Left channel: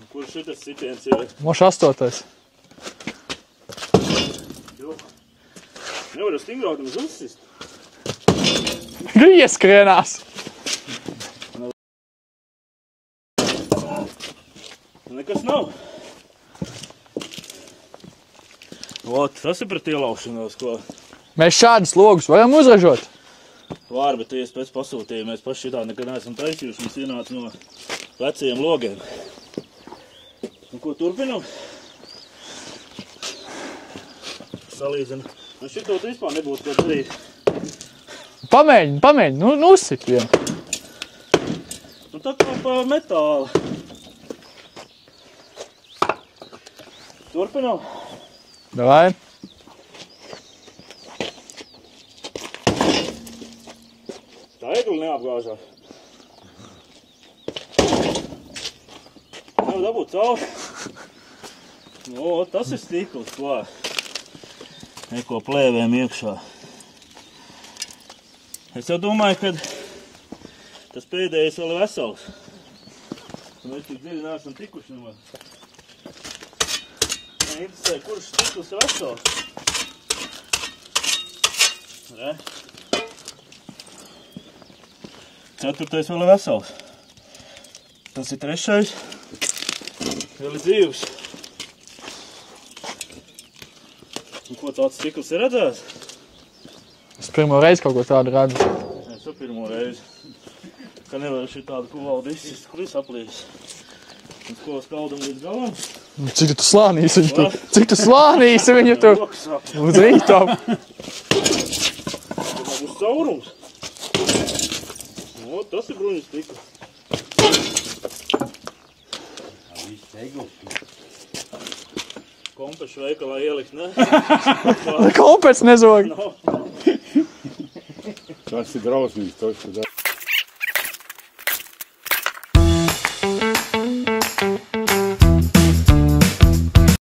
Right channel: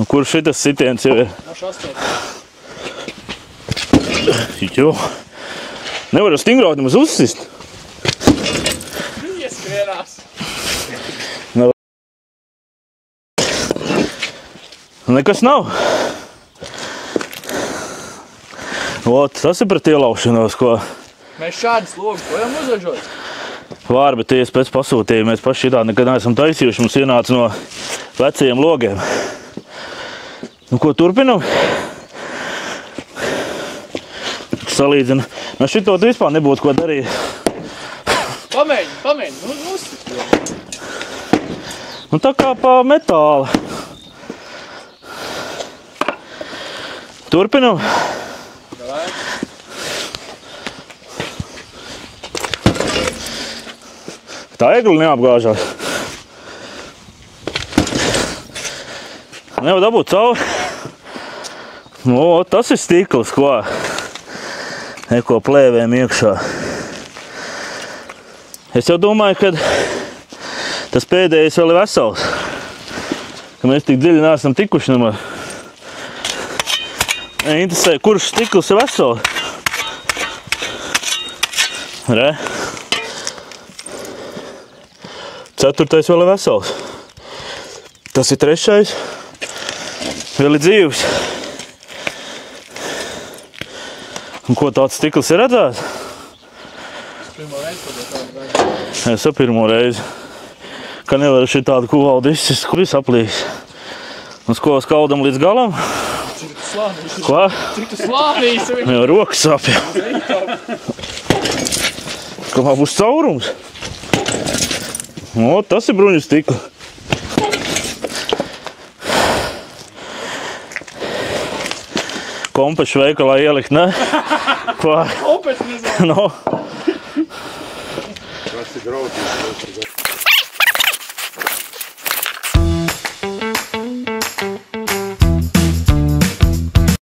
Un kur šitas sitiens jau ir? Moš 8. Jo. Nevar stingrāk nemaz uzsist. Nu ieskrienās. Nekas nav. Ot, tas ir pret ielaušanos, ko... Mēs šādus logus varam uzražot. Var, bet tiesa pēc pasūtījuma mēs paši šitā nekad neesam taisījuši. Mums ienāca no vecajiem logiem. Nu, ko turpinam? Salīdzinu. No šito vispār nebūtu ko darīt. Pamēģini, nu uzsit vienu. Nu, tā kā pa metāli. Turpinam. Davai. Tā egli neapgāžās. Nevar dabūt cauri. Nu, tas ir stikls, ko? Neko plēvēm iekšā. Es jau domāju, ka tas pēdējais vēl ir vesels. Ka mēs tik dziļi neesam tikuši nemaz. Interesē, kurš stikls ir vesels? Re? 4. vēl ir vesels. Tas ir 3. Vēl ir dzīvs. Un ko tāds stikls ir redzēts? Es pirmo reizi kaut ko tādu redzu. Es jau pirmo reizi. Ka nevar šī tādu kuvaldu izsist, kur viss aplīs. Un ko skaudam līdz galam? Cik tu slānīsi Ko? Cik tu slānīsi viņu Jā, tur? rokas sāpja. Uz rītam. Kamā būs caurums? O, tas ir bruņu stikla. Kompešu veikalā ielikt, ne? Kompets nezvoju. No. Tas ir draudzīgs.